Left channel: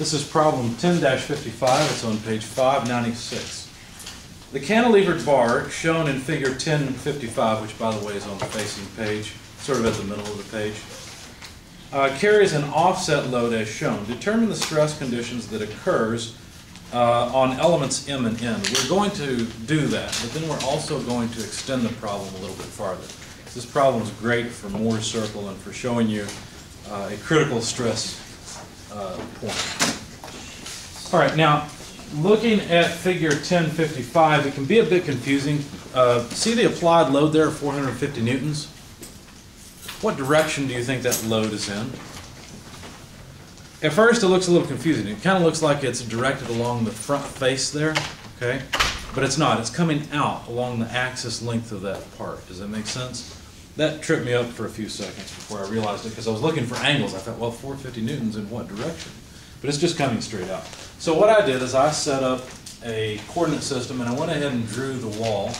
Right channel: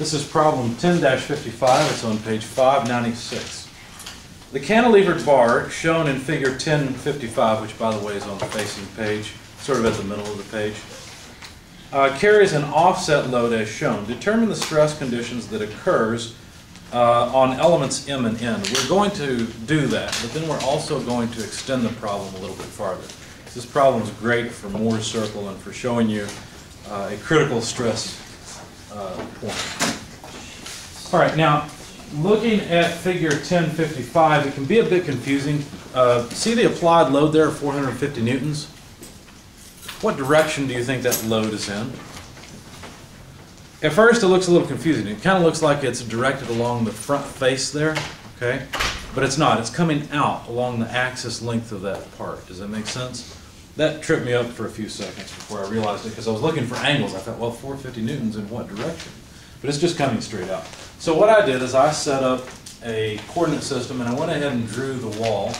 This is problem 10-55. It's on page 596. The cantilevered bar shown in figure 1055, which by the way is on the facing page, sort of at the middle of the page, carries an offset load as shown. Determine the stress conditions that occurs on elements M and N. We're going to do that, but then we're also going to extend the problem a little bit farther. This problem is great for Mohr's circle and for showing you a critical stress point. All right, now looking at figure 1055, it can be a bit confusing. See the applied load there of 450 newtons? What direction do you think that load is in? At first it looks a little confusing. It kind of looks like it's directed along the front face there, okay? But it's not. It's coming out along the axis length of that part. Does that make sense? That tripped me up for a few seconds before I realized it because I was looking for angles. I thought, well, 450 newtons in what direction? But it's just coming straight out. So what I did is I set up a coordinate system and I went ahead and drew the wall,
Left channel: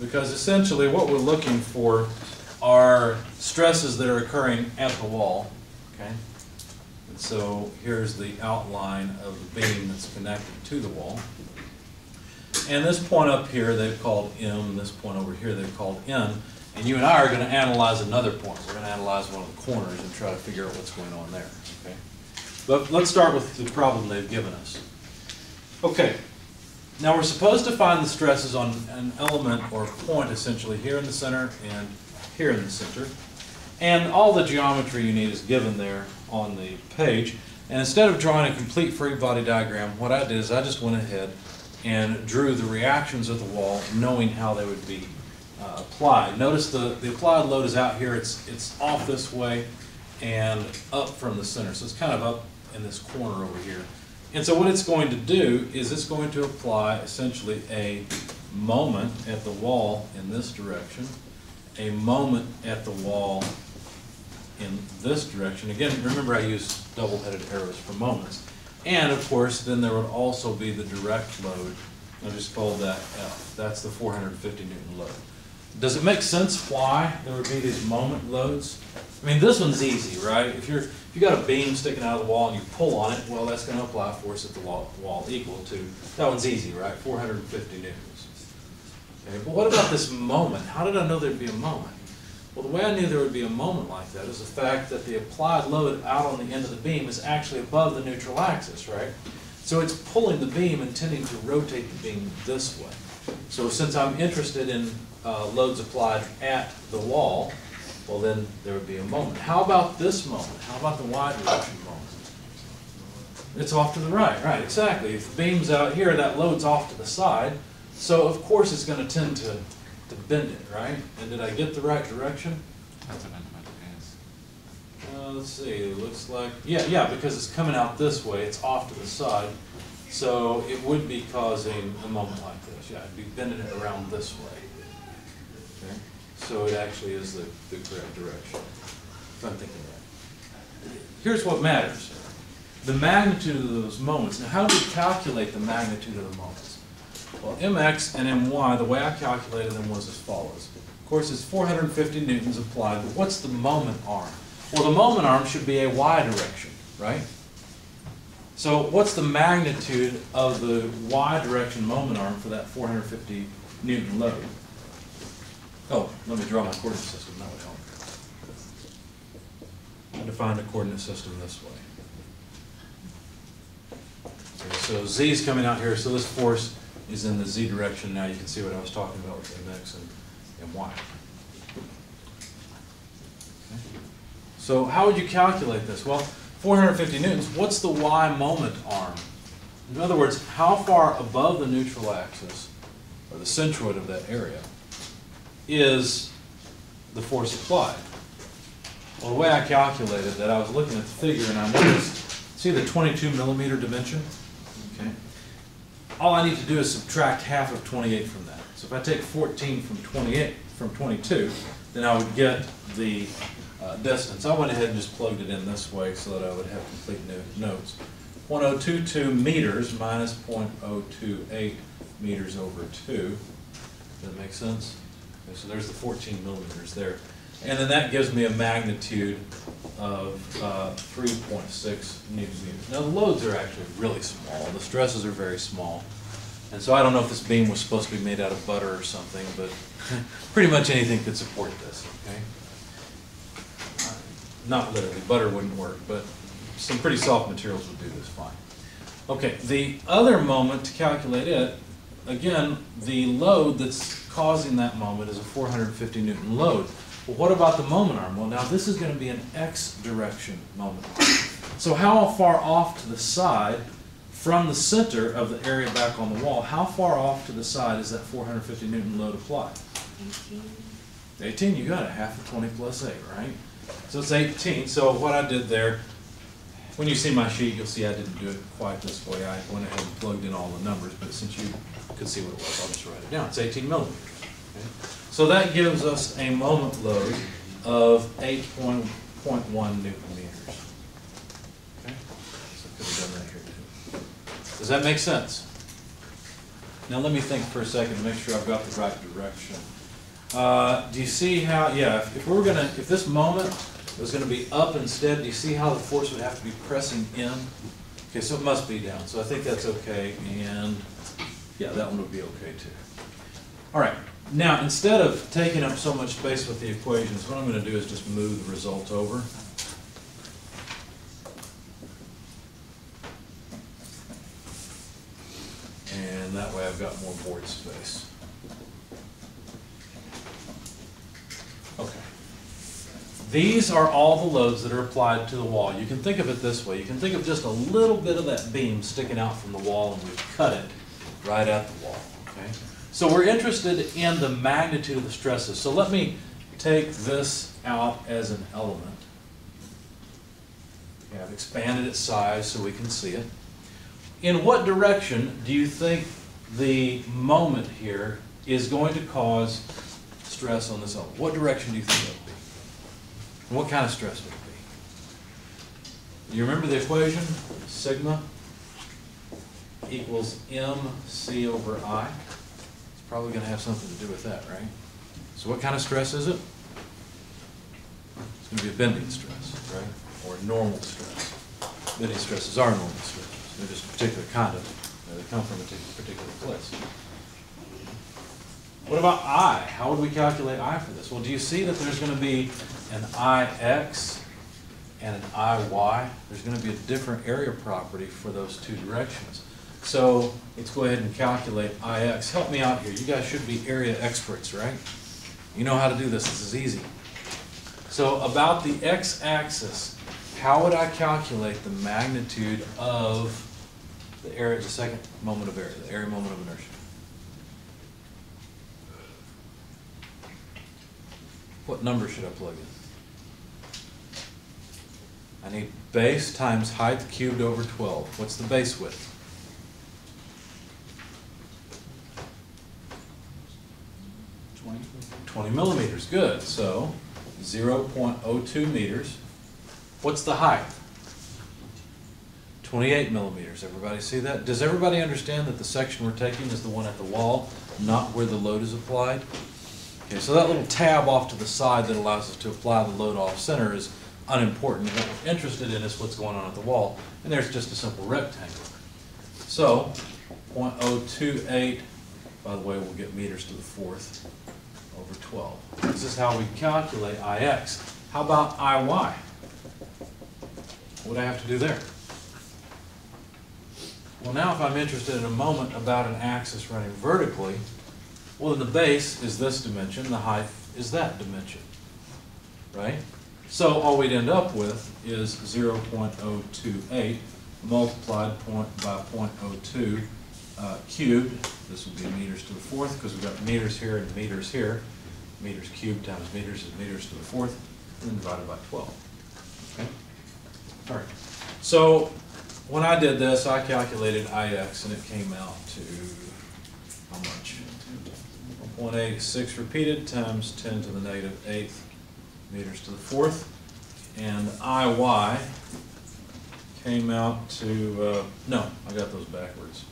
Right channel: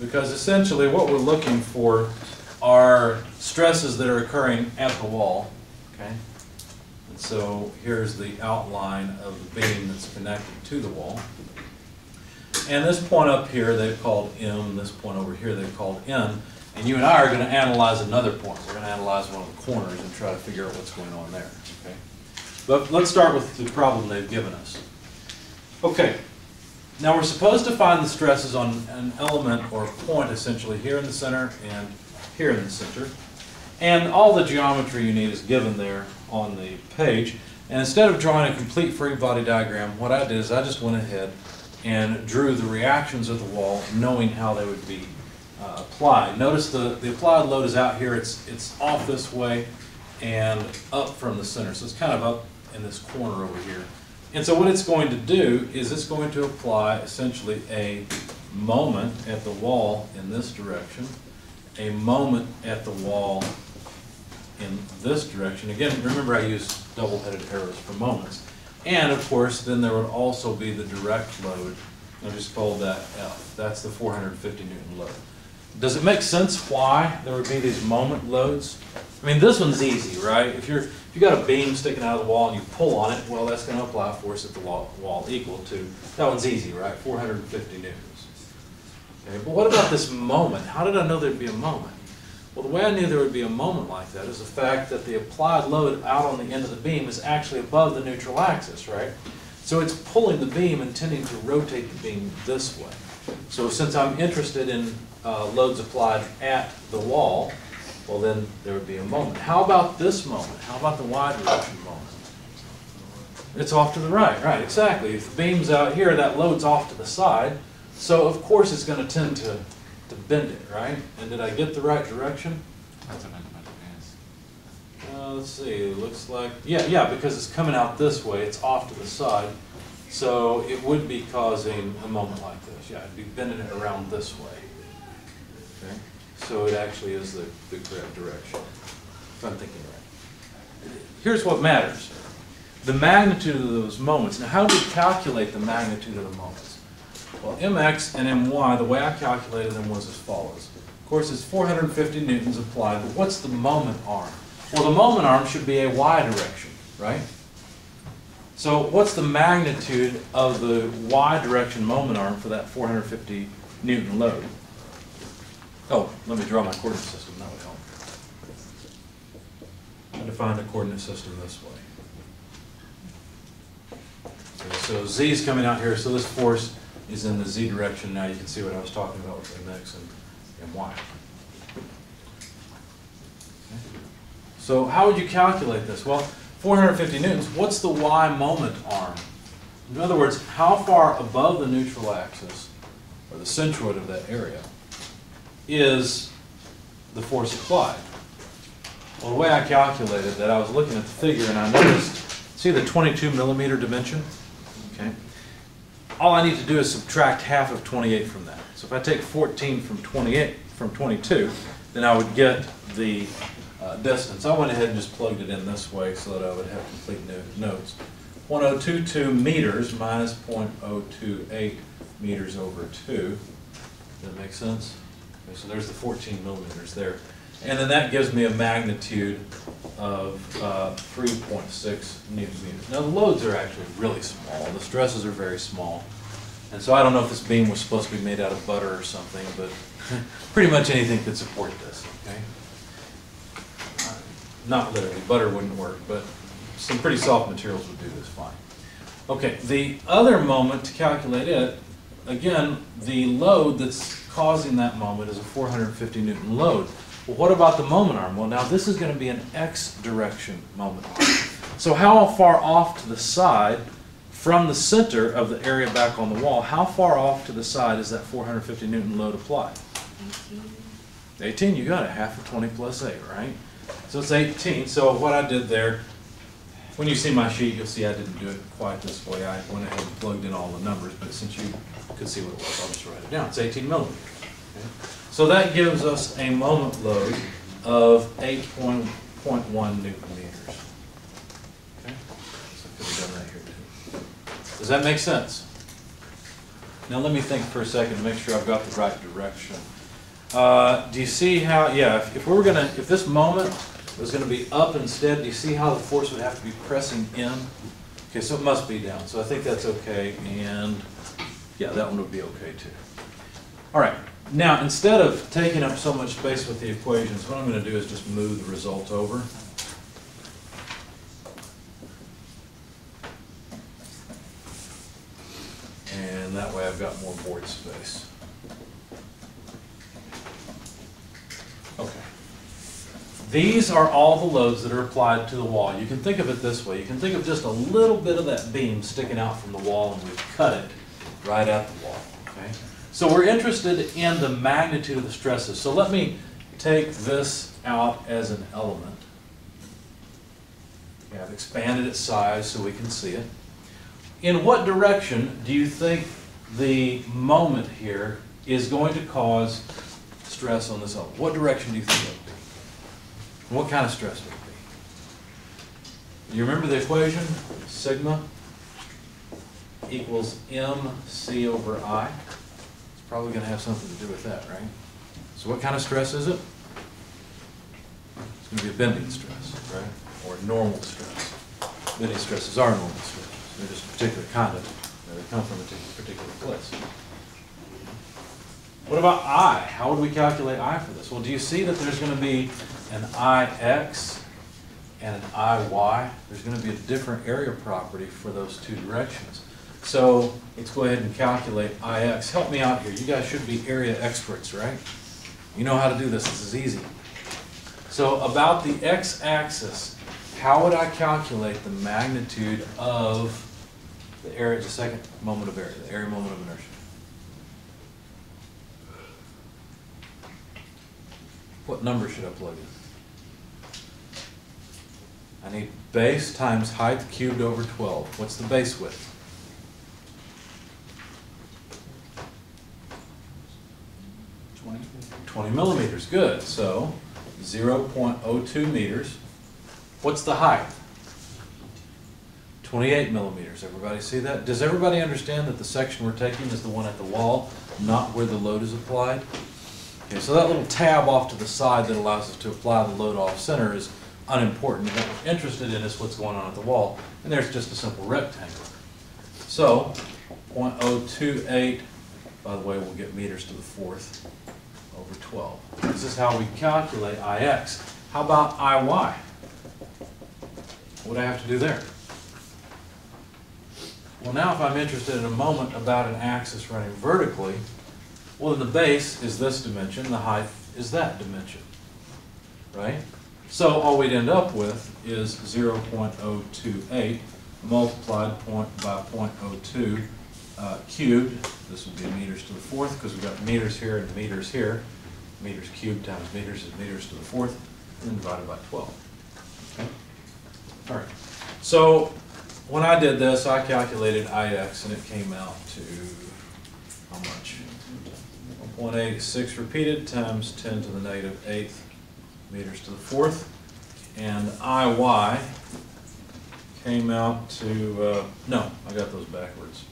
because essentially what we're looking for are stresses that are occurring at the wall, okay? And so here's the outline of the beam that's connected to the wall. And this point up here they've called M, this point over here they've called N, and you and I are going to analyze another point. We're going to analyze one of the corners and try to figure out what's going on there, okay? But let's start with the problem they've given us. Okay, now we're supposed to find the stresses on an element or point essentially here in the center and here in the center. And all the geometry you need is given there on the page. And instead of drawing a complete free body diagram, what I did is I just went ahead and drew the reactions of the wall, knowing how they would be applied. Notice the applied load is out here. It's off this way and up from the center. So it's kind of up in this corner over here. And so what it's going to do is it's going to apply essentially a moment at the wall in this direction, a moment at the wall in this direction. Again, remember I used double-headed arrows for moments. And of course, then there would also be the direct load. I just called that F. That's the 450 Newton load. Does it make sense why there would be these moment loads? I mean, this one's easy, right? If you got a beam sticking out of the wall and you pull on it, well, that's going to apply force at the wall equal to, that one's easy, right? 450 newtons. Okay, but what about this moment? How did I know there'd be a moment? Well, the way I knew there would be a moment like that is the fact that the applied load out on the end of the beam is actually above the neutral axis, right? So it's pulling the beam and tending to rotate the beam this way. So since I'm interested in loads applied at the wall, well then there would be a moment. How about this moment? How about the y direction moment? It's off to the right, right, exactly. If the beam's out here, that load's off to the side, so of course it's going to tend to bend it, right? And did I get the right direction? Let's see, it looks like, yeah, because it's coming out this way, it's off to the side, so it would be causing a moment like this. Yeah, it'd be bending it around this way. Okay, so it actually is the correct direction, if I'm thinking right. Here's what matters. The magnitude of those moments. Now, how do we calculate the magnitude of the moments? Well, mx and my, the way I calculated them was as follows. Of course, it's 450 newtons applied, but what's the moment arm? Well, the moment arm should be a y direction, right? So what's the magnitude of the y direction moment arm for that 450 Newton load? Oh, let me draw my coordinate system, that would help. I define the coordinate system this way. Okay, so z is coming out here, so this force is in the z direction. Now you can see what I was talking about with mx and y. So how would you calculate this? Well, 450 newtons, what's the y moment arm? In other words, how far above the neutral axis, or the centroid of that area, is the force applied? Well, the way I calculated that, I was looking at the figure and I noticed, see the 22 millimeter dimension? Okay. All I need to do is subtract half of 28 from that. So if I take 14 from 22, then I would get the distance. I went ahead and just plugged it in this way so that I would have complete notes. 0.022 meters minus 0.028 meters over 2. Does that make sense? Okay, so there's the 14 millimeters there. And then that gives me a magnitude of 3.6 newton meters. Now the loads are actually really small. The stresses are very small. And so I don't know if this beam was supposed to be made out of butter or something, but pretty much anything could support this, okay? Not literally, butter wouldn't work, but some pretty soft materials would do this fine. Okay, the other moment to calculate it, again, the load that's causing that moment is a 450 Newton load. Well, what about the moment arm? Well, now this is going to be an X direction moment arm. So how far off to the side from the center of the area back on the wall, how far off to the side is that 450 Newton load applied? 18. 18, you got it, half of 20 plus 8, right? So it's 18. So what I did there, when you see my sheet, you'll see I didn't do it quite this way. I went ahead and plugged in all the numbers, but since you could see what it was, I'll just write it down. It's 18 millimeters. Okay? So that gives us a moment load of 8.1 Newton meters. Okay? So I could have done that here too. Does that make sense? Now let me think for a second to make sure I've got the right direction. Do you see how, yeah, if this moment was going to be up instead, do you see how the force would have to be pressing in? Okay, so it must be down. So I think that's okay, and yeah, that one would be okay too. All right, now instead of taking up so much space with the equations, what I'm going to do is just move the result over. And that way I've got more board space. Okay. These are all the loads that are applied to the wall. You can think of it this way. You can think of just a little bit of that beam sticking out from the wall, and we've cut it right at the wall. Okay? So we're interested in the magnitude of the stresses. So let me take this out as an element. Okay, I've expanded its size so we can see it. In what direction do you think the moment here is going to cause stress on this element? What direction do you think it would be? And what kind of stress would it be? You remember the equation? Sigma equals mc over I. It's probably going to have something to do with that, right? So what kind of stress is it? It's going to be a bending stress, right? Or normal stress. Bending stresses are normal stress. They're just a particular kind of, they come from a particular place. What about I? How would we calculate I for this? Well, do you see that there's going to be an IX and an IY? There's going to be a different area property for those two directions. So let's go ahead and calculate IX. Help me out here. You guys should be area experts, right? You know how to do this. This is easy. So about the x-axis, how would I calculate the magnitude of the area, the second moment of area, the area moment of inertia? What number should I plug in? I need base times height cubed over 12. What's the base width? 20 millimeters. Good. So 0.02 meters. What's the height? 28 millimeters. Everybody see that? Does everybody understand that the section we're taking is the one at the wall, not where the load is applied? Okay, so that little tab off to the side that allows us to apply the load off center is unimportant. What we're interested in is what's going on at the wall, and there's just a simple rectangle. So 0.028, by the way, we'll get meters to the fourth over 12. This is how we calculate IX. How about IY? What do I have to do there? Well, now if I'm interested in a moment about an axis running vertically, well, then the base is this dimension, the height is that dimension, right? So all we'd end up with is 0.028 multiplied by 0.02 cubed. This would be meters to the fourth because we've got meters here and meters here. Meters cubed times meters is meters to the fourth, and then divided by 12. Okay? All right. So when I did this, I calculated IX, and it came out to how much? 1.86 repeated times 10 to the negative 8th meters to the fourth. And IY came out to, no, I got those backwards.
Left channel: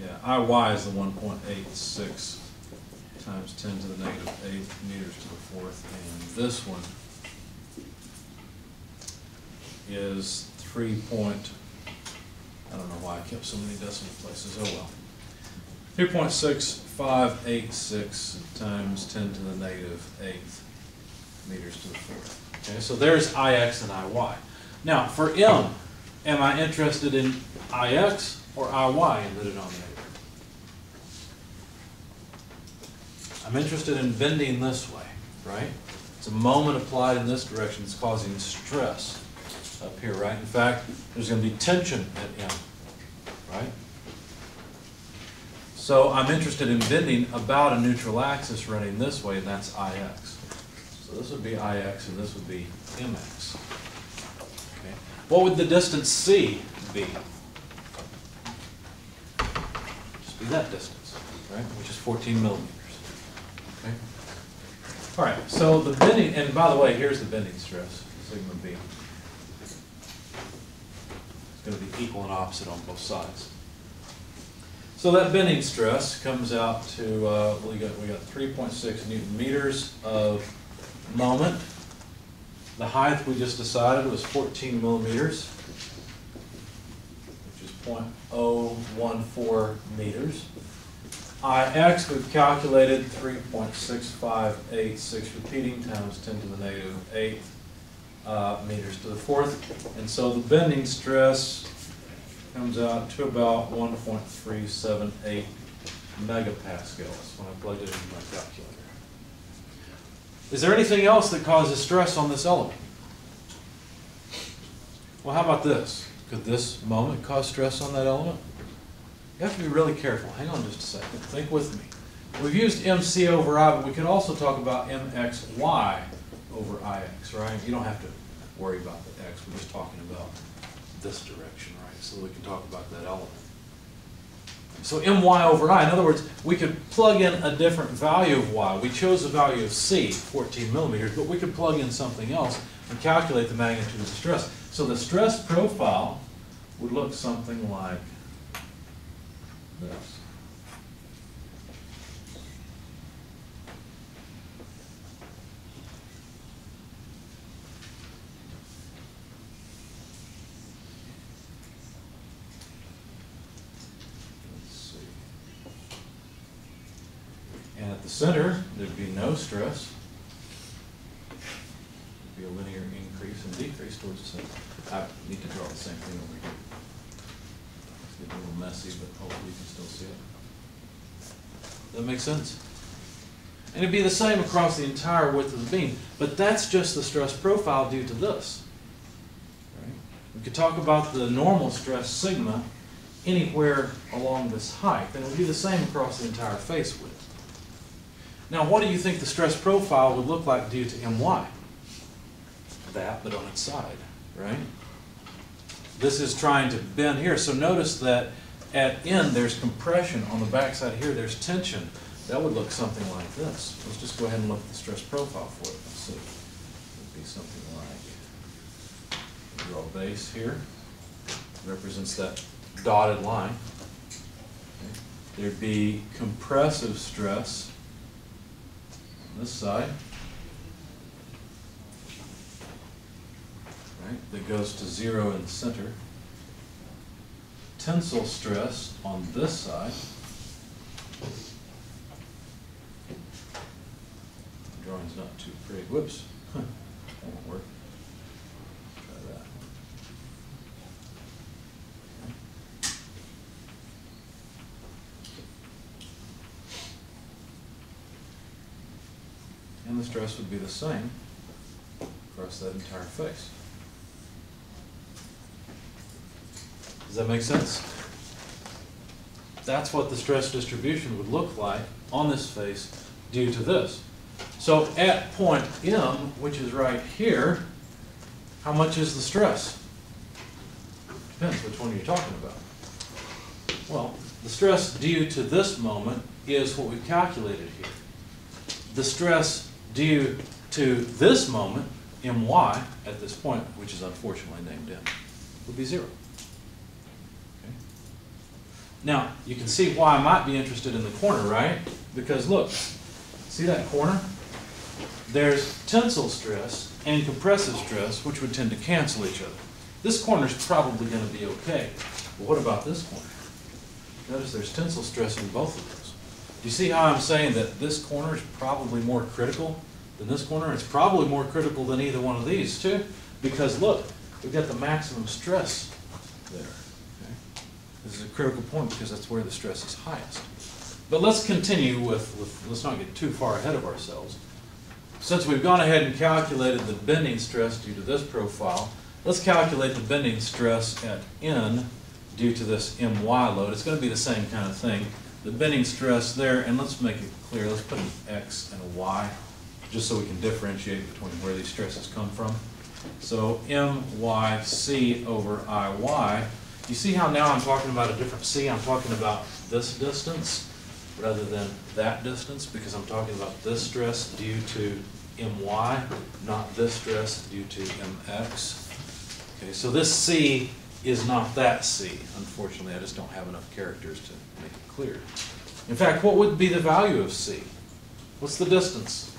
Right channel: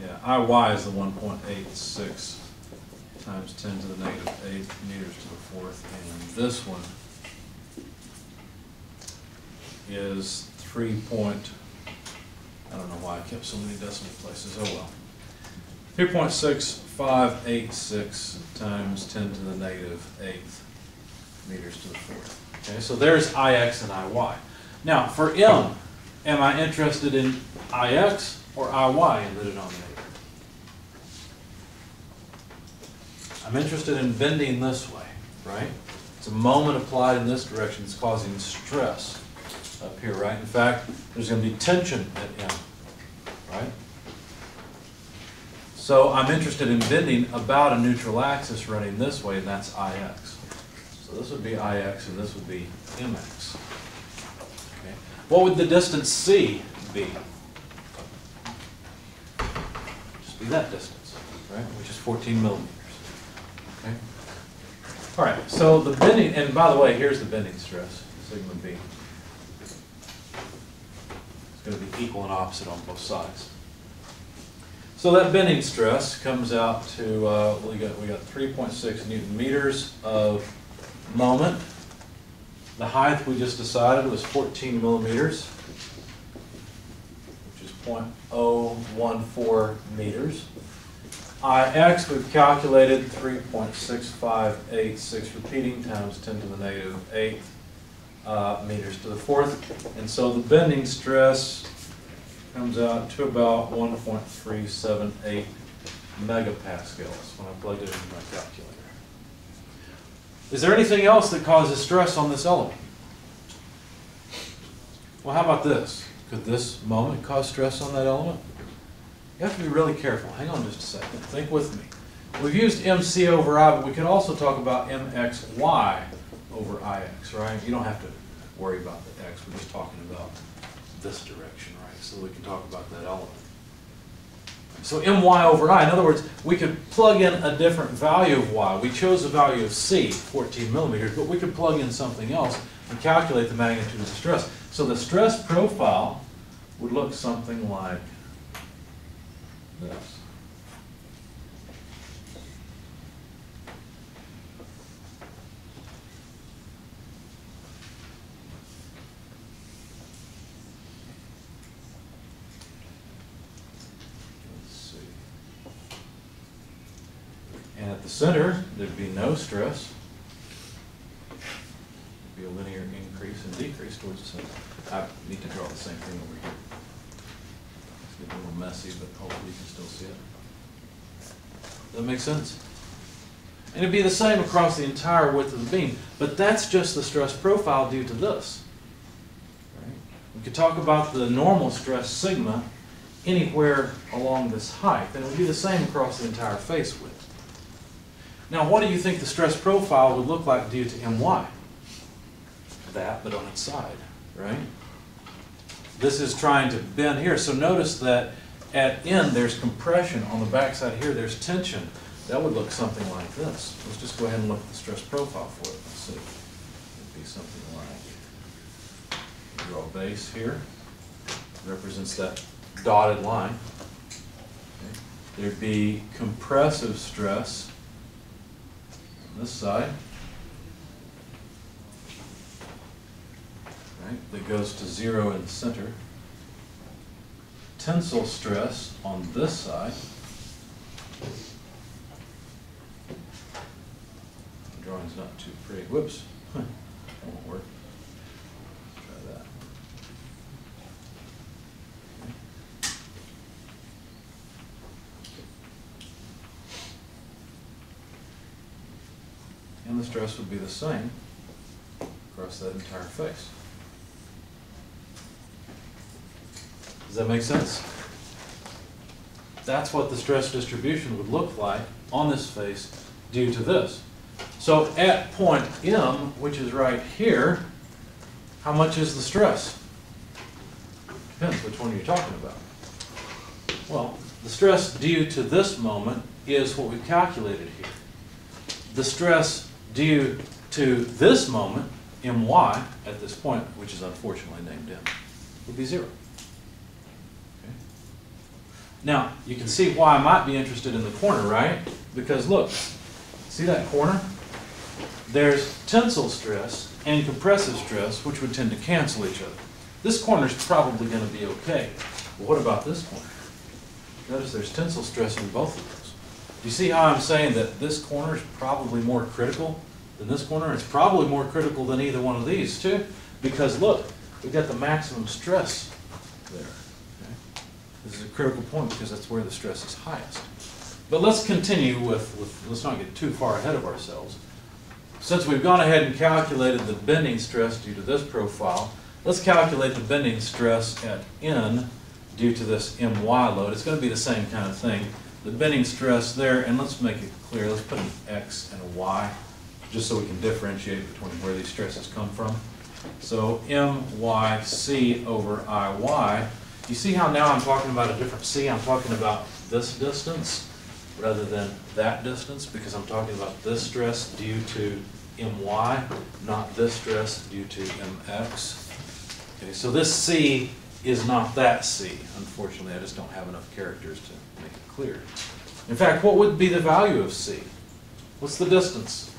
Yeah, IY is the 1.86 times 10 to the negative 8 meters to the fourth, and this one is 3 point, I don't know why I kept so many decimal places, oh well. 3.6586 times 10 to the negative 8th meters to the fourth. Okay, so there's Ix and Iy. Now, for M, am I interested in Ix or Iy in the denominator? I'm interested in bending this way, right? It's a moment applied in this direction that's causing stress up here, right? In fact, there's going to be tension at M, right? So I'm interested in bending about a neutral axis running this way, and that's Ix. So this would be Ix, and this would be Mx. Okay. What would the distance C be? Just be that distance, right? Which is 14 millimeters. Okay. All right. So the bending, and by the way, here's the bending stress, sigma b. It's going to be equal and opposite on both sides. So that bending stress comes out to we got 3.6 Newton meters of moment. The height we just decided was 14 millimeters, which is 0.014 meters. Ix we've calculated 3.6586 repeating times 10 to the negative 8th meters to the fourth, and so the bending stress comes out to about 1.378 megapascals when I plugged it into my calculator. Is there anything else that causes stress on this element? Well, how about this? Could this moment cause stress on that element? You have to be really careful. Hang on just a second. Think with me. We've used MC over I, but we could also talk about MXY over IX, right? You don't have to worry about the X. We're just talking about this direction, right? So we can talk about that element. So my over I, in other words, we could plug in a different value of y. We chose the value of C, 14 millimeters, but we could plug in something else and calculate the magnitude of the stress. So the stress profile would look something like this. And at the center, there'd be no stress. There'd be a linear increase and decrease towards the center. I need to draw the same thing over here. It's getting a little messy, but hopefully you can still see it. Does that make sense? And it'd be the same across the entire width of the beam, but that's just the stress profile due to this. Right? We could talk about the normal stress sigma anywhere along this height, and it would be the same across the entire face width. Now, what do you think the stress profile would look like due to my? That, but on its side, right? This is trying to bend here. So notice that at N, there's compression. On the backside here, there's tension. That would look something like this. Let's just go ahead and look at the stress profile for it. Let's see. It would be something like, draw a base here. Represents that dotted line. Okay. There'd be compressive stress this side, right, that goes to 0 in the center. Tensile stress on this side. The drawing's not too pretty. Whoops, that won't work. Try that. And the stress would be the same across that entire face. Does that make sense? That's what the stress distribution would look like on this face due to this. So at point M, which is right here, how much is the stress? Depends which one you're talking about. Well, the stress due to this moment is what we've calculated here. The stress due to this moment, my, at this point, which is unfortunately named M, would be 0. Okay. Now, you can see why I might be interested in the corner, right? Because look, See that corner? There's tensile stress and compressive stress, which would tend to cancel each other. This corner is probably going to be okay. But what about this corner? Notice there's tensile stress in both of those. Do you see how I'm saying that this corner is probably more critical than this corner? It's probably more critical than either one of these too, because look, we've got the maximum stress there. Okay? This is a critical point because that's where the stress is highest. But let's continue with let's not get too far ahead of ourselves. Since we've gone ahead and calculated the bending stress due to this profile, let's calculate the bending stress at N due to this MY load. It's going to be the same kind of thing. The bending stress there, and let's make it clear, let's put an X and a Y, just so we can differentiate between where these stresses come from. So MYC over IY. You see how now I'm talking about a different C? I'm talking about this distance rather than that distance, because I'm talking about this stress due to MY, not this stress due to MX. Okay, so this C is not that C. Unfortunately, I just don't have enough characters to make it clear. In fact, what would be the value of C? What's the distance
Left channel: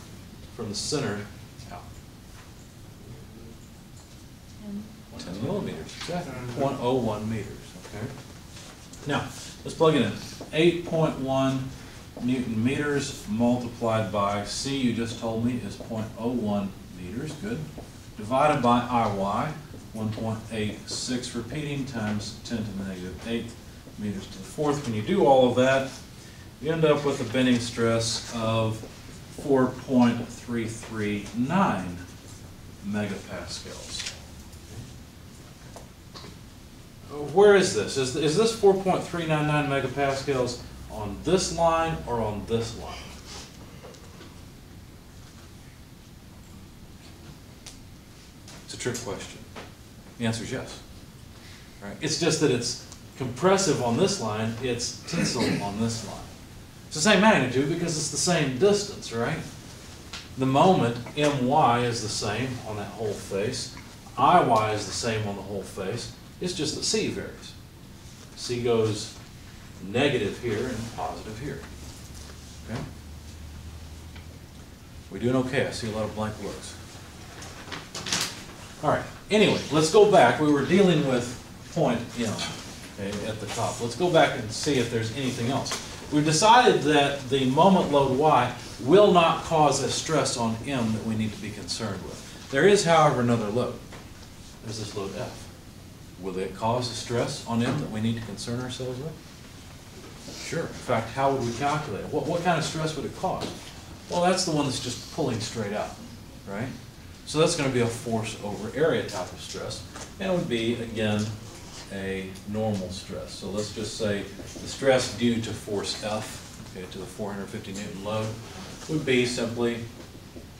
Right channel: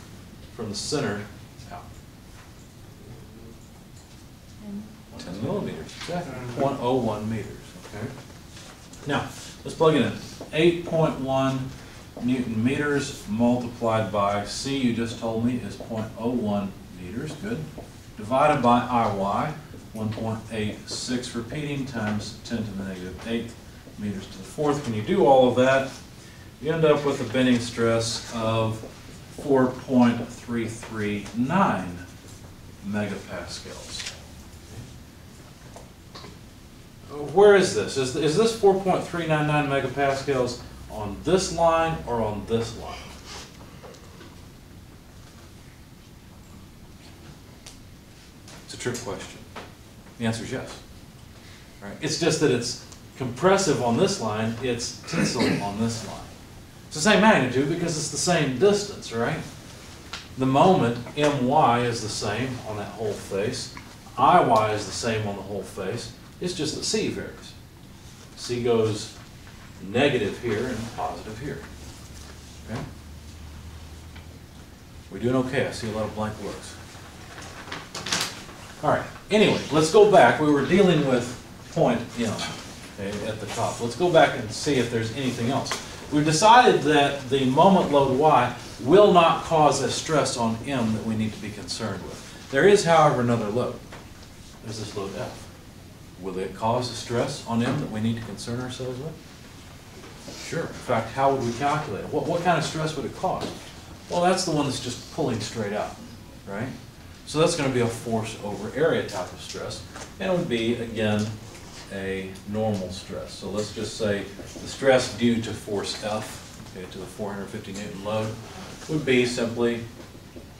from the center out? 10 millimeters, exactly. 0.01 meters, okay? Now, let's plug it in. 8.1 Newton meters multiplied by C, you just told me, is 0.01 meters, good. Divided by IY, 1.86 repeating times 10 to the negative 8 meters to the fourth. When you do all of that, you end up with a bending stress of 4.339 megapascals. Where is this? Is this 4.399 megapascals on this line or on this line? It's a trick question. The answer is yes. Right? It's just that it's compressive on this line, it's tensile on this line. It's the same magnitude because it's the same distance, right? The moment MY is the same on that whole face, IY is the same on the whole face, it's just that C varies. C goes negative here and positive here. Okay? We're doing okay. I see a lot of blank looks. All right. Anyway, let's go back. We were dealing with point M, okay, at the top. Let's go back and see if there's anything else. We've decided that the moment load Y will not cause a stress on M that we need to be concerned with. There is, however, another load. There's this load F. Will it cause a stress on M that we need to concern ourselves with? Sure. In fact, how would we calculate it? What kind of stress would it cause? Well, that's the one that's just pulling straight out, right? So that's going to be a force over area type of stress, and it would be, again, a normal stress. So let's just say the stress due to force F, okay, to the 450 Newton load, would be simply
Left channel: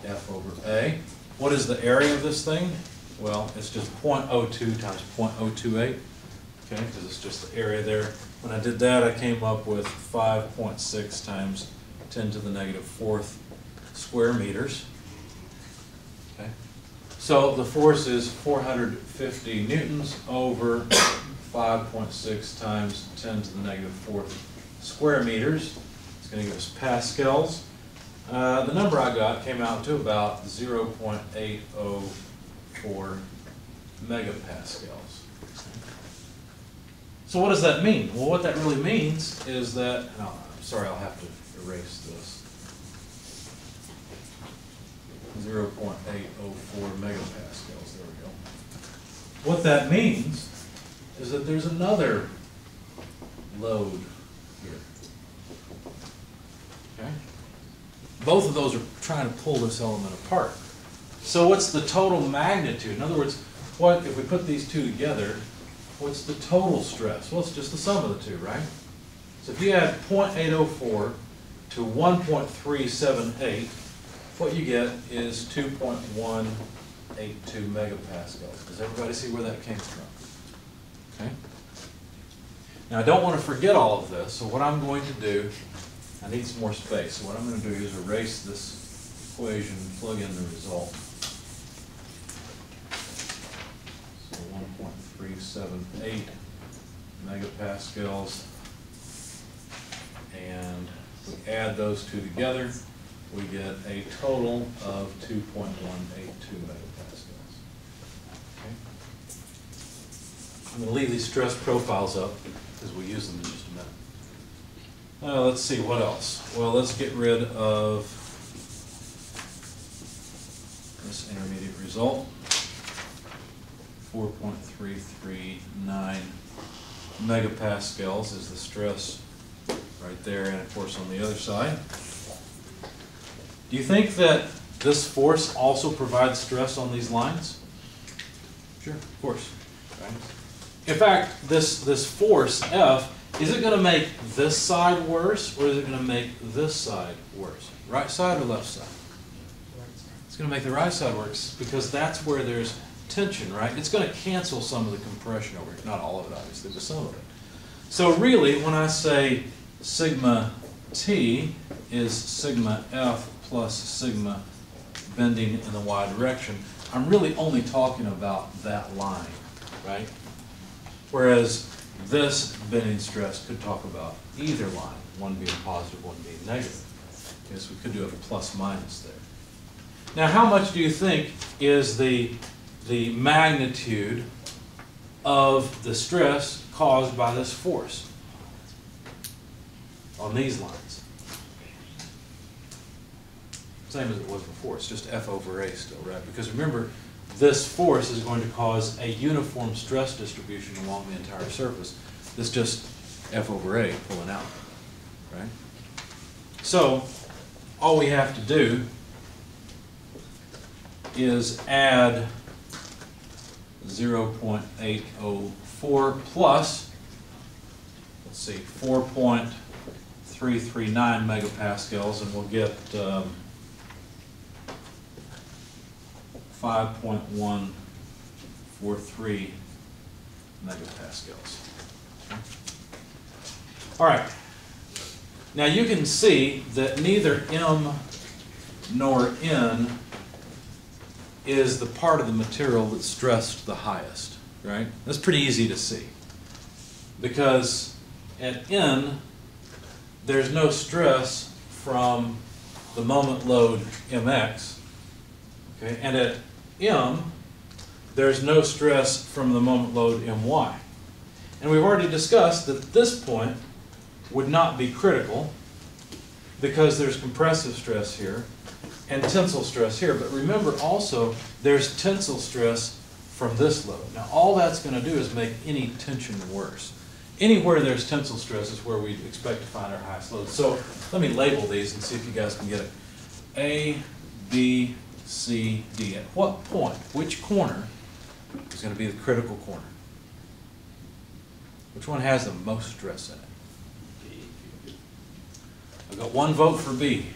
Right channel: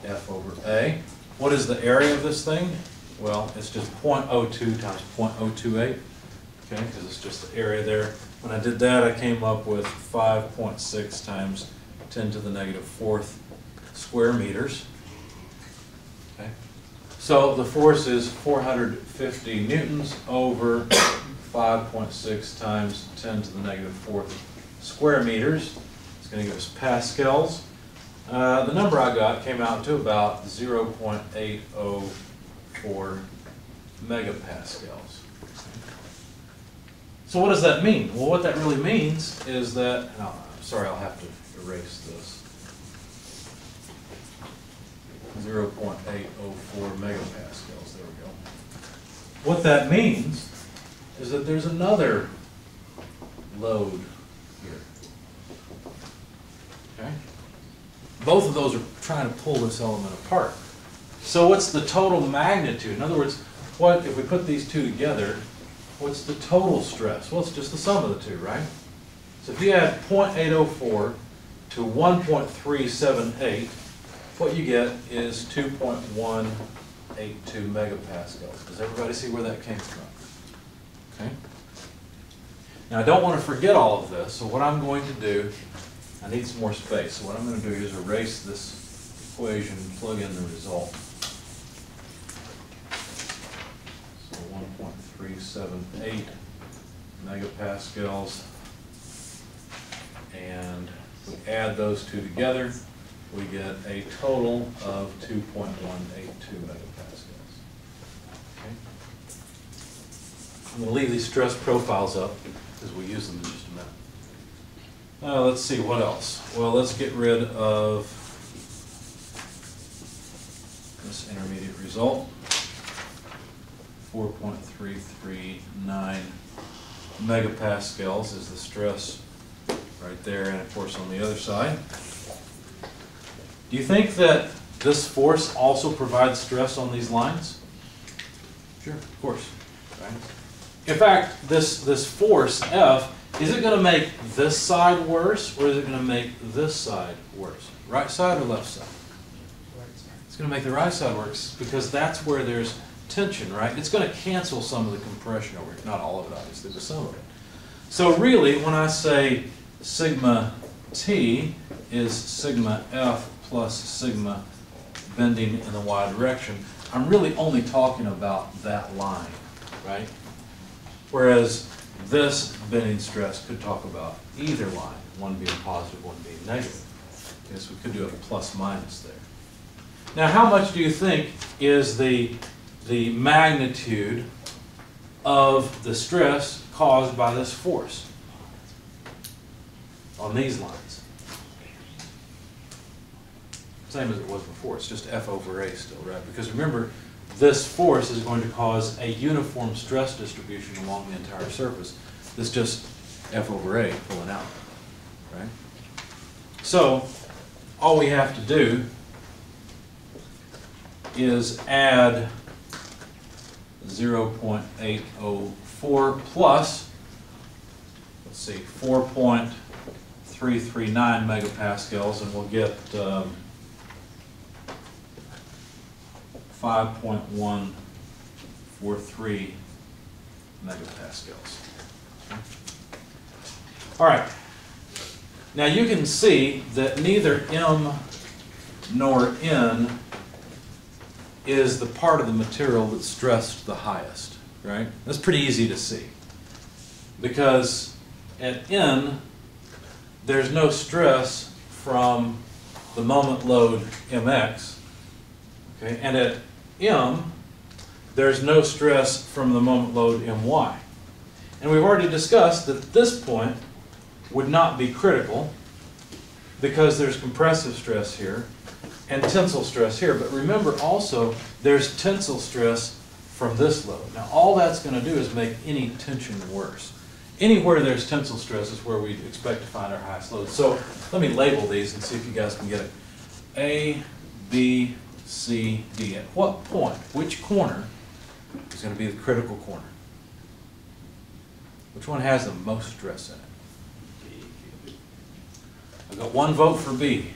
F over A. What is the area of this thing? Well, it's just 0.02 times 0.028, okay, because it's just the area there. When I did that, I came up with 5.6 times 10 to the negative fourth square meters. Okay. So the force is 450 newtons over 5.6 times 10 to the negative fourth square meters. It's going to give us pascals. The number I got came out to about 0.804 megapascals. So what does that mean? Well, what that really means is that, I'm sorry, I'll have to erase this. 0.804 megapascals, there we go. What that means is that there's another load here. Okay? Both of those are trying to pull this element apart. So what's the total magnitude? In other words, what if we put these two together, what's the total stress? Well, it's just the sum of the two, right? So if you add 0.804 to 1.378, what you get is 2.182 megapascals. Does everybody see where that came from? Okay. Now I don't want to forget all of this, so what I'm going to do, I need some more space. So what I'm going to do is erase this equation and plug in the result. So 1.378 megapascals, and we add those two together, we get a total of 2.182 megapascals. Okay. I'm going to leave these stress profiles up because we'll use them in just a minute. Let's see, what else? Well, let's get rid of this intermediate result. 4.339 megapascals is the stress right there, and of course on the other side. Do you think that this force also provides stress on these lines? Sure, of course. Right? In fact, this force, F, is it going to make this side worse, or is it going to make this side worse? Right side or left side? It's going to make the right side worse because that's where there's tension, right? It's going to cancel some of the compression over here. Not all of it, obviously, but some of it. So really, when I say sigma T is sigma F plus sigma bending in the y direction, I'm really only talking about that line, right? Whereas this bending stress could talk about either line, one being positive, one being negative. Okay, so we could do a plus minus there. Now, how much do you think is the magnitude of the stress caused by this force on these lines? Same as it was before, it's just F over A still, right? Because remember, this force is going to cause a uniform stress distribution along the entire surface. This is just F over A pulling out, right? So, all we have to do is add 0.804 plus, let's see, 4.339 megapascals, and we'll get 5.143 megapascals. All right. Now you can see that neither M nor N is the part of the material that's stressed the highest, right? That's pretty easy to see. Because at N, there's no stress from the moment load mx, okay? And at M, there's no stress from the moment load my. And we've already discussed that this point would not be critical because there's compressive stress here and tensile stress here. But remember also, there's tensile stress from this load. Now all that's going to do is make any tension worse. Anywhere there's tensile stress is where we expect to find our highest load. So let me label these and see if you guys can get it. A, B, C, D. At what point, which corner is going to be the critical corner? Which one has the most stress in it? I've got one vote for B.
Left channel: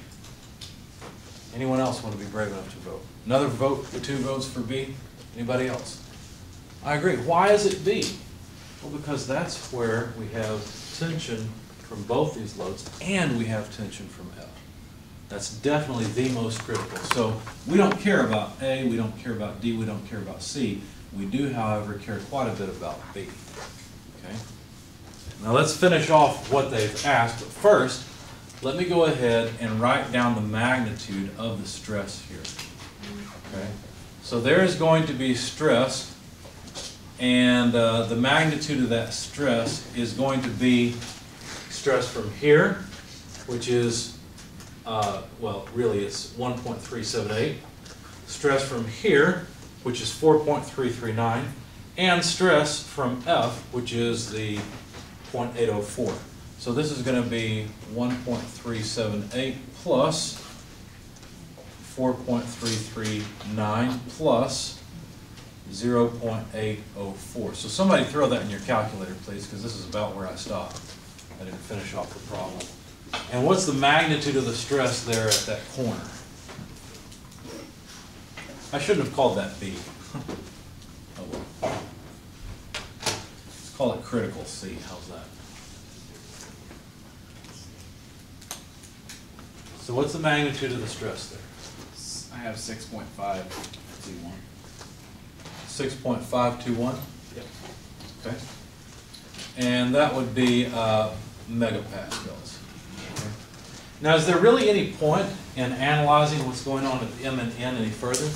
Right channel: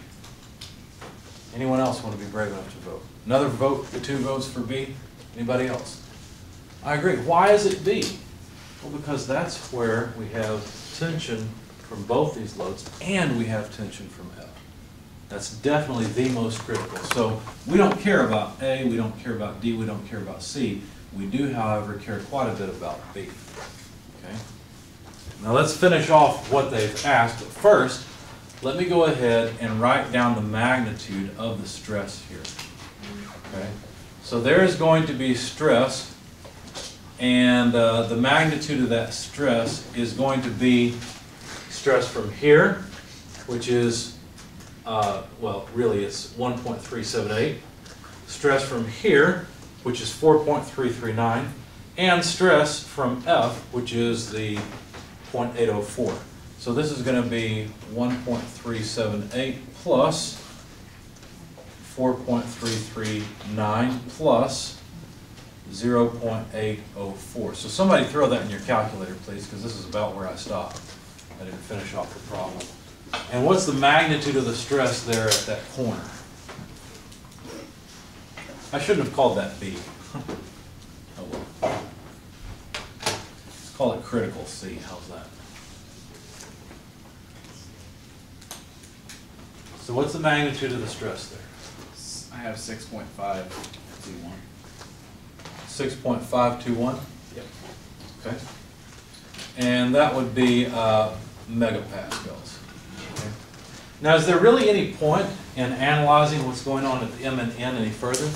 Anyone else want to be brave enough to vote? Another vote, 2 votes for B? Anybody else? I agree. Why is it B? Well, because that's where we have tension from both these loads and we have tension from F. That's definitely the most critical. So we don't care about A, we don't care about D, we don't care about C. We do, however, care quite a bit about B. Okay? Now let's finish off what they've asked, but first, let me go ahead and write down the magnitude of the stress here. Okay? So there is going to be stress, and the magnitude of that stress is going to be stress from here, which is, well, really it's 1.378. Stress from here, which is 4.339, and stress from F, which is the 0.804. So this is going to be 1.378 plus 4.339 plus 0.804. So somebody throw that in your calculator, please, because this is about where I stopped. I didn't finish off the problem. And what's the magnitude of the stress there at that corner? I shouldn't have called that B. Oh well. Let's call it critical C. How's that? So what's the magnitude of the stress there? I have 6.521. 6.521? Yep. Okay. And that would be megapascals. Okay. Now, is there really any point in analyzing what's going on at the M and N any further?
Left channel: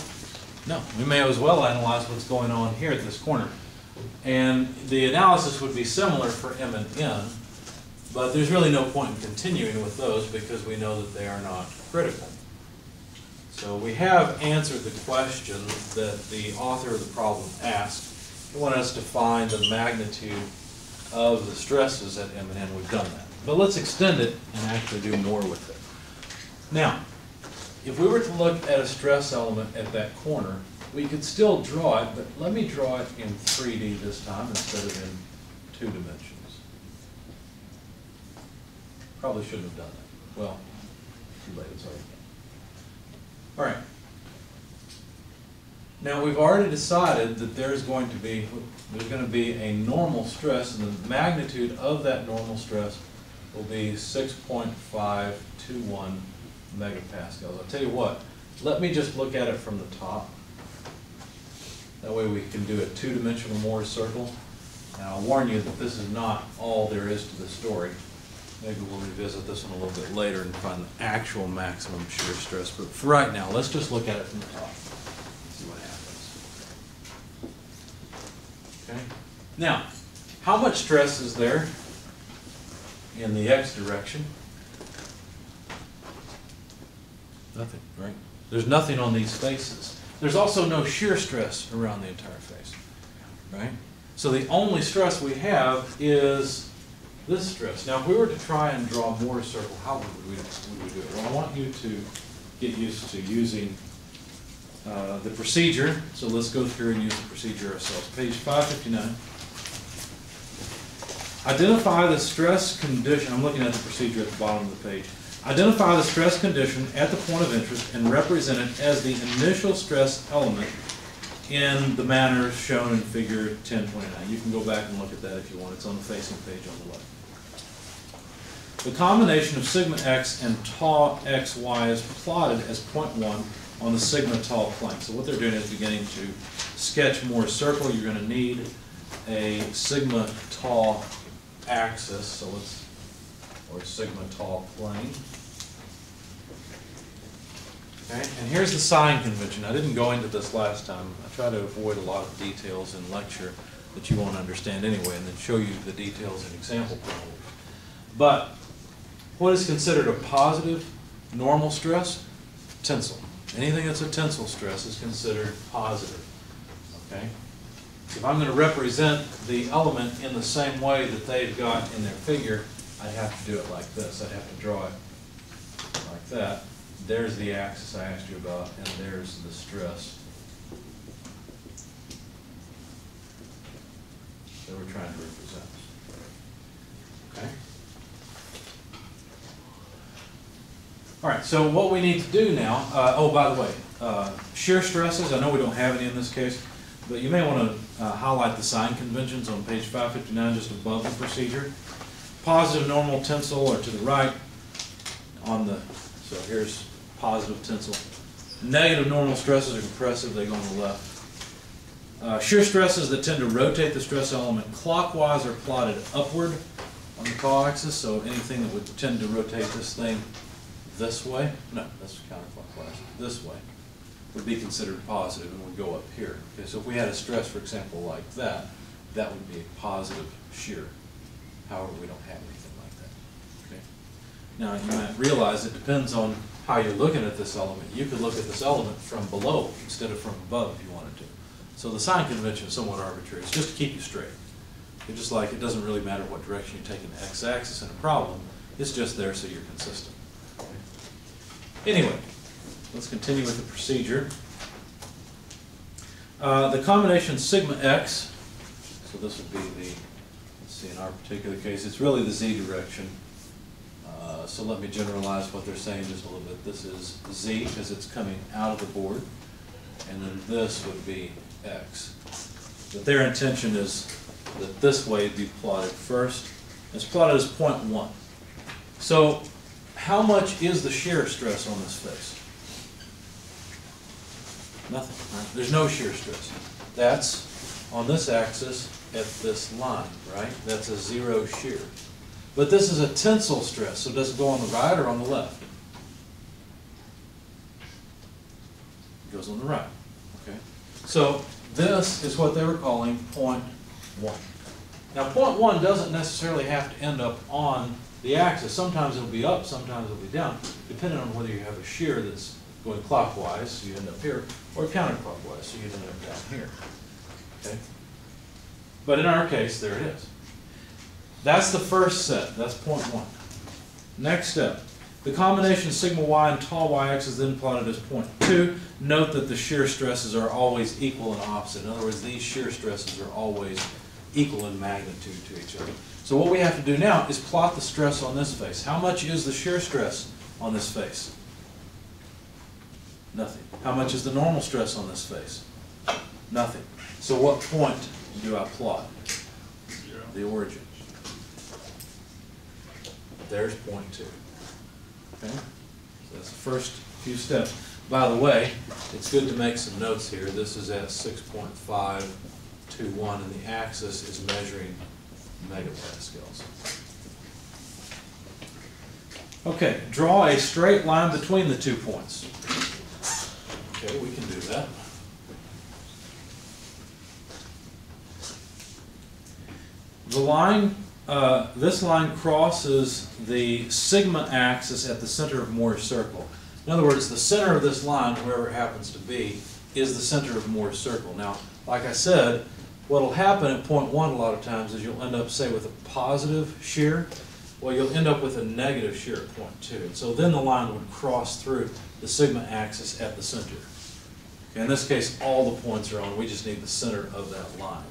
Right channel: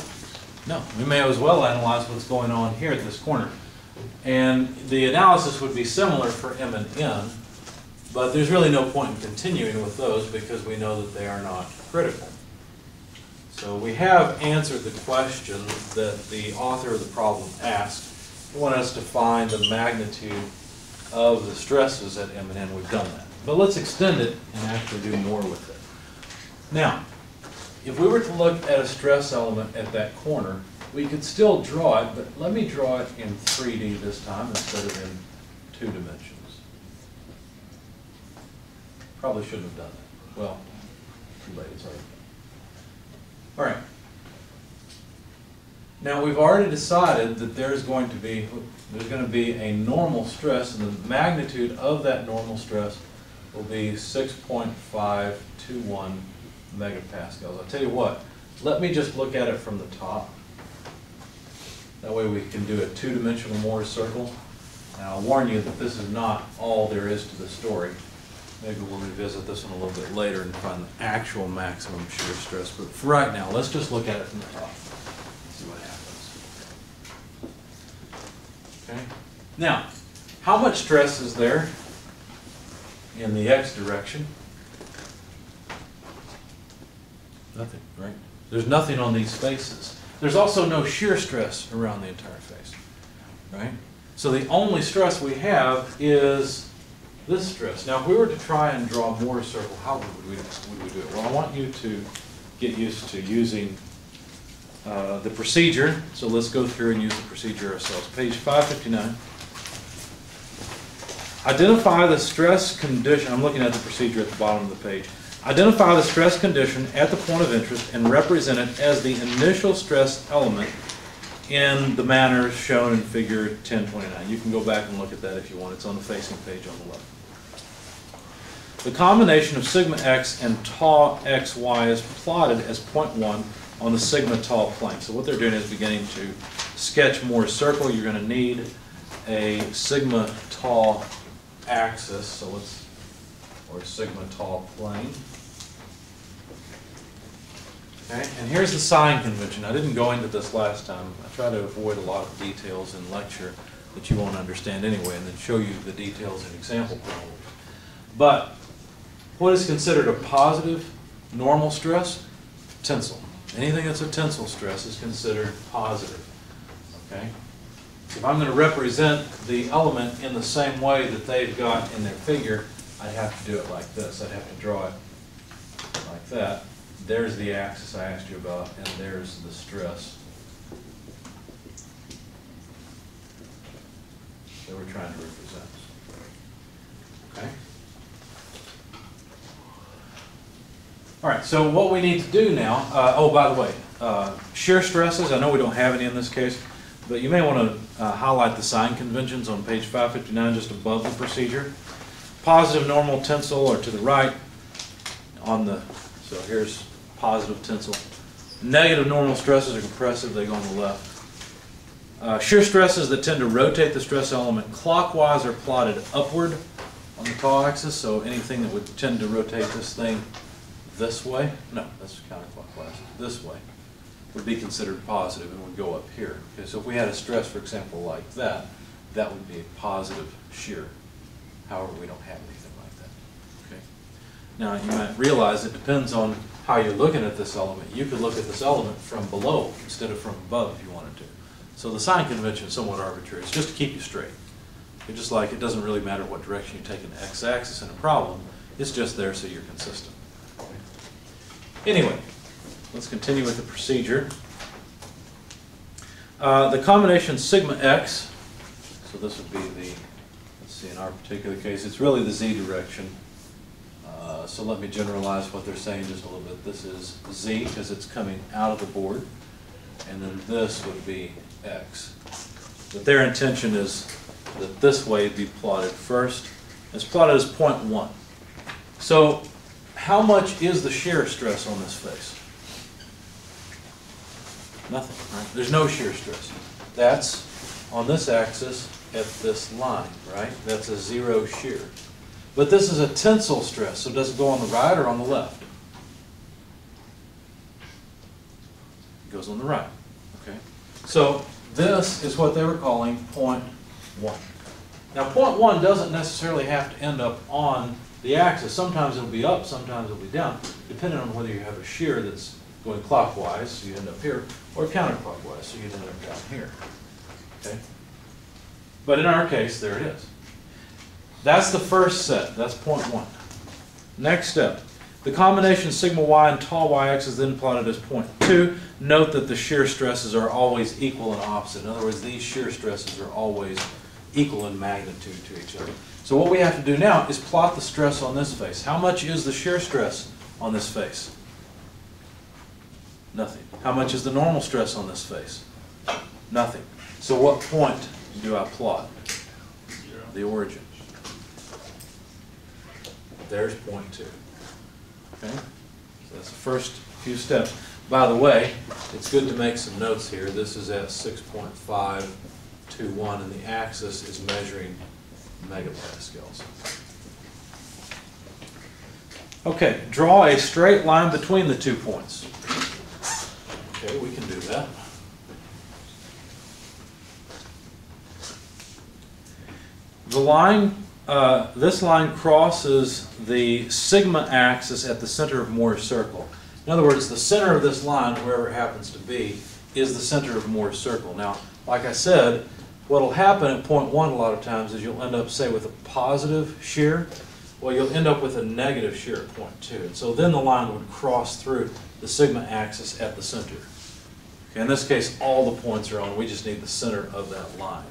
No. We may as well analyze what's going on here at this corner. And the analysis would be similar for M and N, but there's really no point in continuing with those because we know that they are not critical. So we have answered the question that the author of the problem asked. He wanted us to find the magnitude of the stresses at M and N. We've done that. But let's extend it and actually do more with it. Now, if we were to look at a stress element at that corner, we could still draw it, but let me draw it in 3D this time instead of in 2 dimensions. Probably shouldn't have done that. Well, too late, it's already done. All right. Now we've already decided that there's going to be a normal stress, and the magnitude of that normal stress will be 6.521 megapascals. I'll tell you what, let me just look at it from the top. That way we can do a 2-dimensional Mohr circle. Now I'll warn you that this is not all there is to the story. Maybe we'll revisit this one a little bit later and find the actual maximum shear stress. But for right now, let's just look at it from the top. See what happens. Okay. Now, how much stress is there in the x direction? Nothing, right? There's nothing on these faces. There's also no shear stress around the entire face, right? So the only stress we have is this stress. Now, if we were to try and draw a Mohr circle, how would we do it? Well, I want you to get used to using the procedure. So let's go through and use the procedure ourselves. Page 559. Identify the stress condition. I'm looking at the procedure at the bottom of the page. Identify the stress condition at the point of interest and represent it as the initial stress element in the manner shown in figure 1029. You can go back and look at that if you want. It's on the facing page on the left. The combination of sigma x and tau xy is plotted as point 1 on the sigma tau plane. So what they're doing is beginning to sketch Mohr's circle. You're going to need a sigma tau axis, so let's, or sigma tau plane. Okay, and here's the sign convention. I didn't go into this last time. I try to avoid a lot of details in lecture that you won't understand anyway, and then show you the details in example problems. But what is considered a positive normal stress? Tensile. Anything that's a tensile stress is considered positive. Okay? If I'm going to represent the element in the same way that they've got in their figure, I'd have to do it like this. I'd have to draw it like that. There's the axis I asked you about, and there's the stress that we're trying to represent. Okay? All right, so what we need to do now, oh, by the way, shear stresses, I know we don't have any in this case, but you may want to highlight the sign conventions on page 559 just above the procedure. Positive normal tensile are to the right on the, so here's positive tensile. Negative normal stresses are compressive, they go on the left. Shear stresses that tend to rotate the stress element clockwise are plotted upward on the tau axis, so anything that would tend to rotate this thing this way, no, that's counterclockwise, this way, would be considered positive and would go up here. Okay, so if we had a stress, for example, like that, that would be a positive shear. However, we don't have anything like that. Okay. Now, you might realize it depends on how you're looking at this element. You could look at this element from below instead of from above if you wanted to. So the sign convention is somewhat arbitrary. It's just to keep you straight. It's just like it doesn't really matter what direction you take an x-axis in a problem. It's just there so you're consistent. Okay. Anyway, let's continue with the procedure. The combination sigma x, so this would be the, let's see, in our particular case, it's really the z direction. So let me generalize what they're saying just a little bit. This is z because it's coming out of the board, and then this would be x. But their intention is that this way it'd be plotted first. It's plotted as 0.1. So how much is the shear stress on this face? Nothing, right? There's no shear stress. That's on this axis at this line, right? That's a zero shear. But this is a tensile stress, so does it go on the right or on the left? It goes on the right. Okay. So this is what they were calling point 1. Now point 1 doesn't necessarily have to end up on the axis. Sometimes it'll be up, sometimes it'll be down, depending on whether you have a shear that's going clockwise, so you end up here, or counterclockwise, so you end up down here. Okay? But in our case, there it is. That's the first set. That's point 1. Next step. The combination sigma y and tau yx is then plotted as point 2. Note that the shear stresses are always equal and opposite. In other words, these shear stresses are always equal in magnitude to each other. So what we have to do now is plot the stress on this face. How much is the shear stress on this face? Nothing. How much is the normal stress on this face? Nothing. So what point do I plot? 0. The origin. There's point 2. Okay? So that's the first few steps. By the way, it's good to make some notes here. This is at 6.521, and the axis is measuring megapascals. Okay, draw a straight line between the 2 points. Okay, we can do that. The line, this line crosses the sigma axis at the center of Mohr's circle. In other words, the center of this line, wherever it happens to be, is the center of Mohr's circle. Now, like I said, what will happen at point 1 a lot of times is you'll end up, say, with a positive shear. Well, you'll end up with a negative shear at point 2. And so then the line would cross through the sigma axis at the center. Okay, in this case, all the points are on. We just need the center of that line.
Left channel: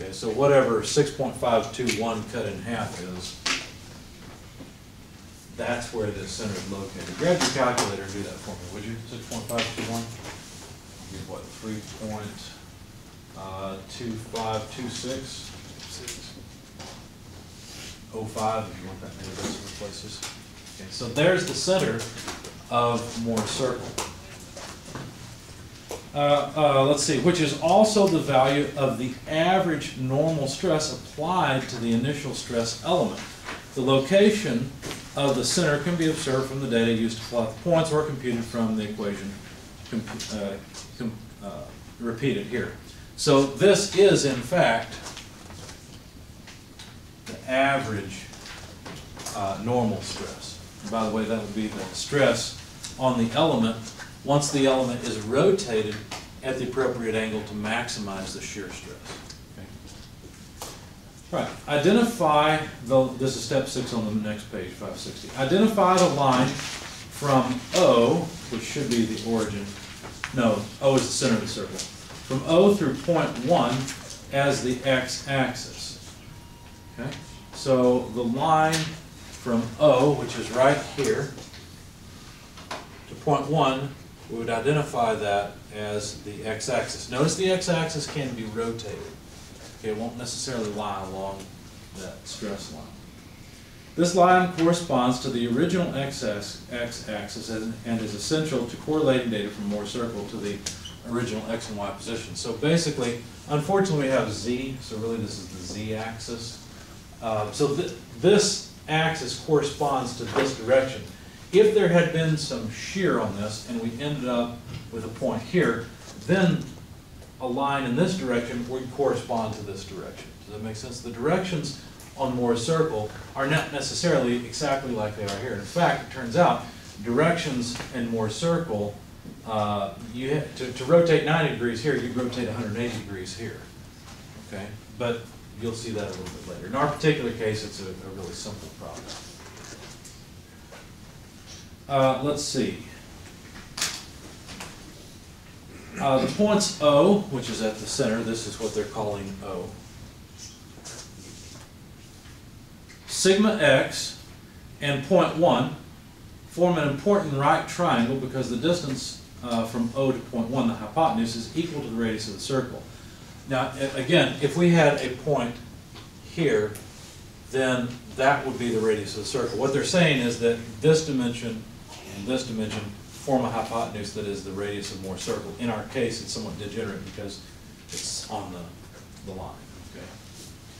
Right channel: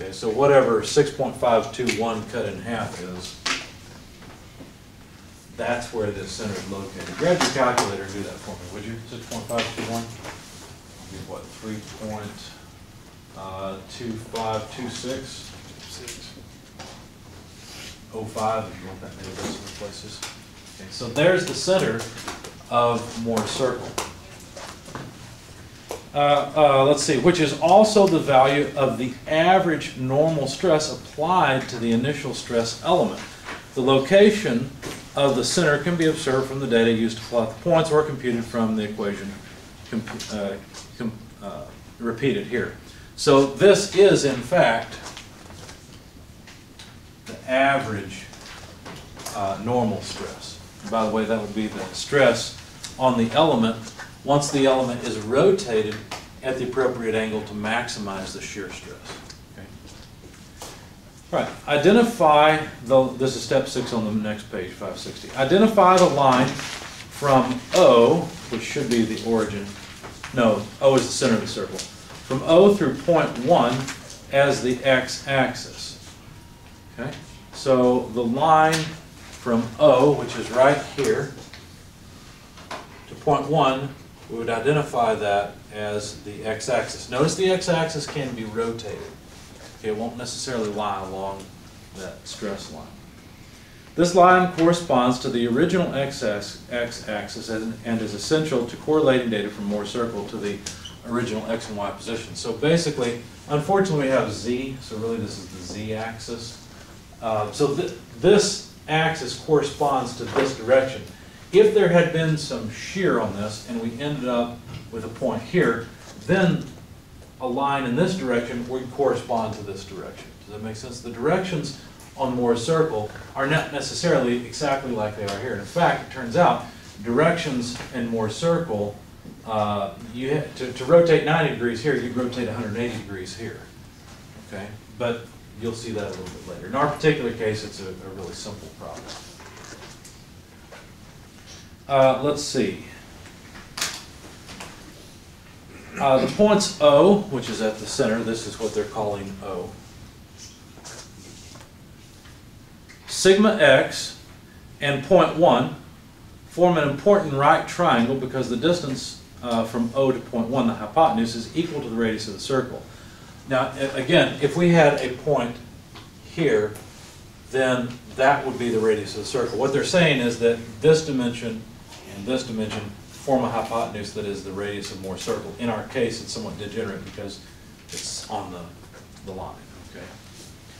Okay, so whatever 6.521 cut in half is, that's where the center is located. Grab your calculator and do that for me, would you? 6.521? Give what, 3.2526? 05 if you want that many decimal places. Okay, so there's the center of Mohr's circle. Let's see, which is also the value of the average normal stress applied to the initial stress element. The location of the center can be observed from the data used to plot the points or computed from the equation repeated here. So this is, in fact, the average normal stress. And by the way, that would be the stress on the element once the element is rotated at the appropriate angle to maximize the shear stress. Okay. Right. Identify this is step 6 on the next page, 560. Identify the line from O, which should be the origin. No, O is the center of the circle. From O through point 1 as the x-axis. Okay. So the line from O, which is right here, to point 1, we would identify that as the x-axis. Notice the x-axis can be rotated. Okay, it won't necessarily lie along that stress line. This line corresponds to the original x-axis and is essential to correlating data from Mohr's circle to the original x and y position. So basically, unfortunately, we have z, so really this is the z-axis. This axis corresponds to this direction. If there had been some shear on this and we ended up with a point here, then a line in this direction would correspond to this direction. Does that make sense? The directions on Mohr's circle are not necessarily exactly like they are here. In fact, it turns out directions in Mohr's circle, to rotate 90 degrees here, you rotate 180 degrees here. Okay? But you'll see that a little bit later. In our particular case, it's a really simple problem. Let's see. The points O, which is at the center, this is what they're calling O. Sigma x and point 1 form an important right triangle because the distance from O to point 1, the hypotenuse, is equal to the radius of the circle. Now, again, if we had a point here, then that would be the radius of the circle. What they're saying is that this dimension and this dimension form a hypotenuse that is the radius of Mohr's circle. In our case, it's somewhat degenerate because it's on the line. Okay?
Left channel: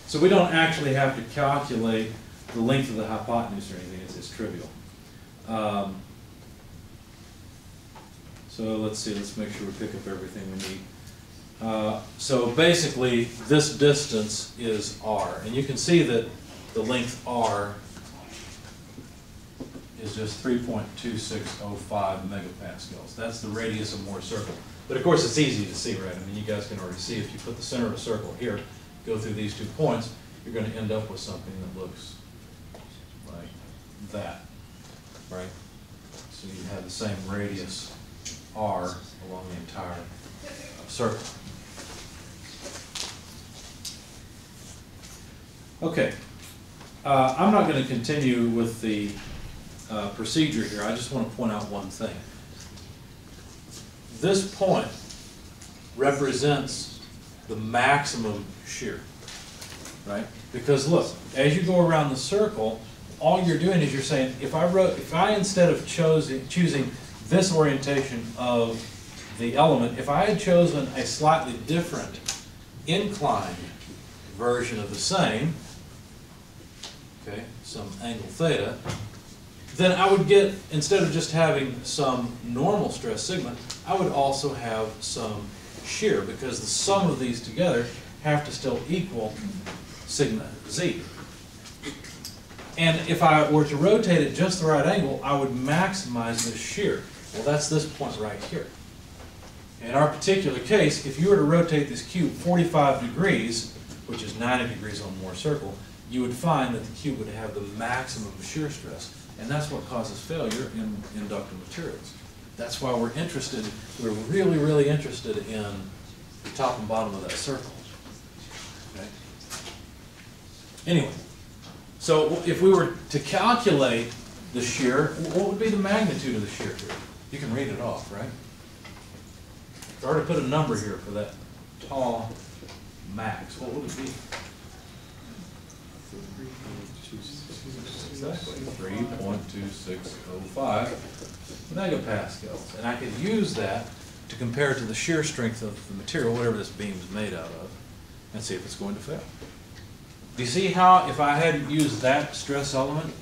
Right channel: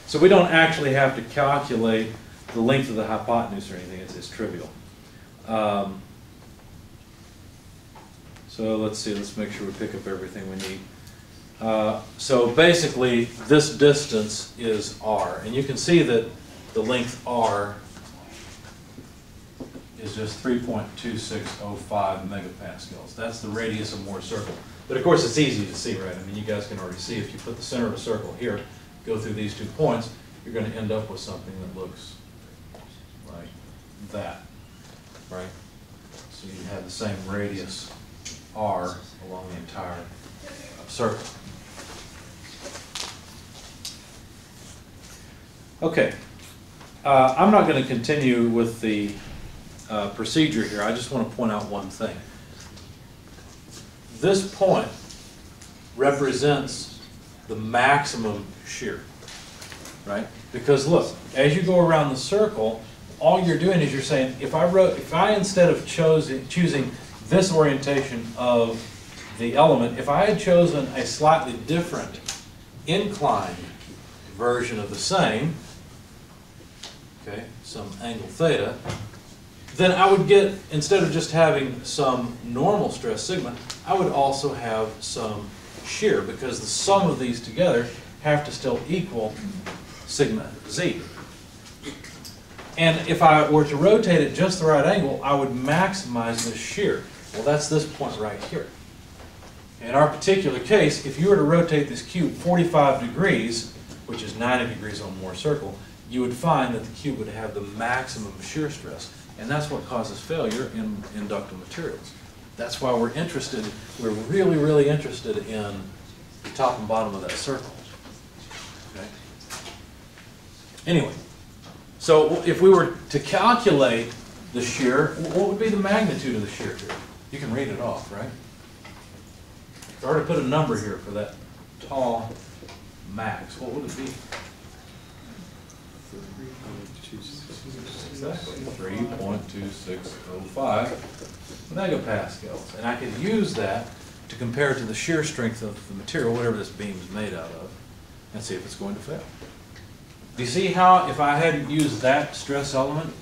So we don't actually have to calculate the length of the hypotenuse or anything. It's trivial. So let's see, let's make sure we pick up everything we need. So basically, this distance is r, and you can see that the length r is just 3.2605 megapascals. That's the radius of Mohr's circle. But of course, it's easy to see, right? I mean, you guys can already see if you put the center of a circle here, go through these 2 points, you're going to end up with something that looks like that, right? So you have the same radius r along the entire circle. Okay, I'm not going to continue with the procedure here. I just want to point out one thing. This point represents the maximum shear, right? Because look, as you go around the circle, all you're doing is you're saying, if I instead of choosing this orientation of the element, if I had chosen a slightly different inclined version of the same, okay, some angle theta, then I would get, instead of just having some normal stress sigma, I would also have some shear, because the sum of these together have to still equal sigma z. And if I were to rotate it just the right angle, I would maximize this shear. Well, that's this point right here. In our particular case, if you were to rotate this cube 45 degrees, which is 90 degrees on Mohr's circle, you would find that the cube would have the maximum shear stress. And that's what causes failure in inductive materials. That's why we're really, really interested in the top and bottom of that circle. Okay? Anyway, so if we were to calculate the shear, what would be the magnitude of the shear here? You can read it off, right? If I were to put a number here for that tall max, what would it be? Exactly, 3.2605 megapascals. And I could use that to compare to the shear strength of the material, whatever this beam is made out of, and see if it's going to fail. Do you see how if I hadn't used that stress element,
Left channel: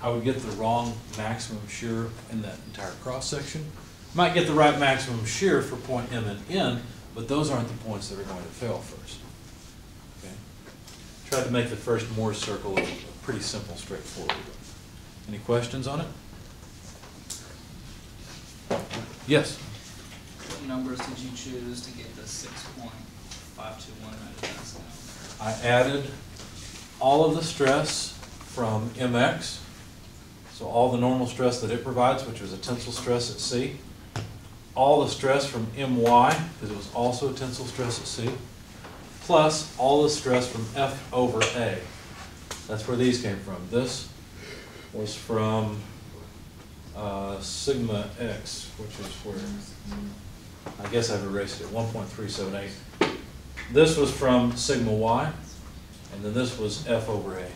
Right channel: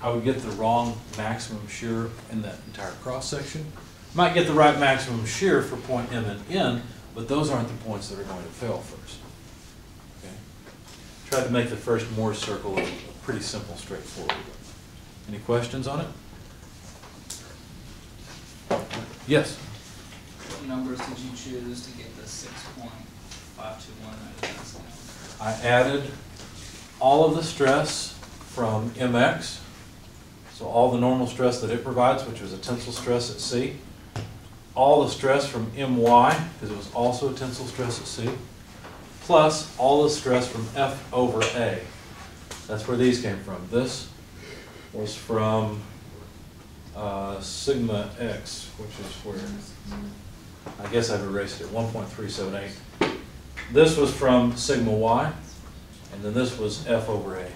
I would get the wrong maximum shear in that entire cross-section? Might get the right maximum shear for point M and N, but those aren't the points that are going to fail first. Okay? Tried to make the first Mohr's circle a pretty simple, straightforward one. Any questions on it? Yes? What numbers did you choose to get the 6.521 megapascal? I added all of the stress from mx, so all the normal stress that it provides, which was a tensile stress at C, all the stress from my, because it was also a tensile stress at C, plus all the stress from F over A. That's where these came from. This was from sigma x, which is where, I guess I've erased it, 1.378. This was from sigma y, and then this was F over A.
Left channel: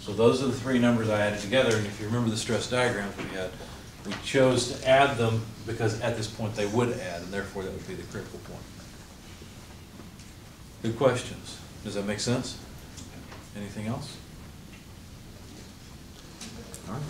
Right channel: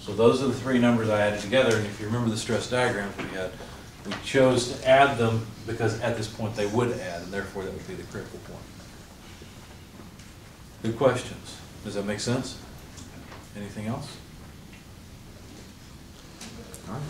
So those are the three numbers I added together, and if you remember the stress diagrams we had, we chose to add them because at this point they would add, and therefore that would be the critical point. Good questions. Does that make sense? Anything else? All right.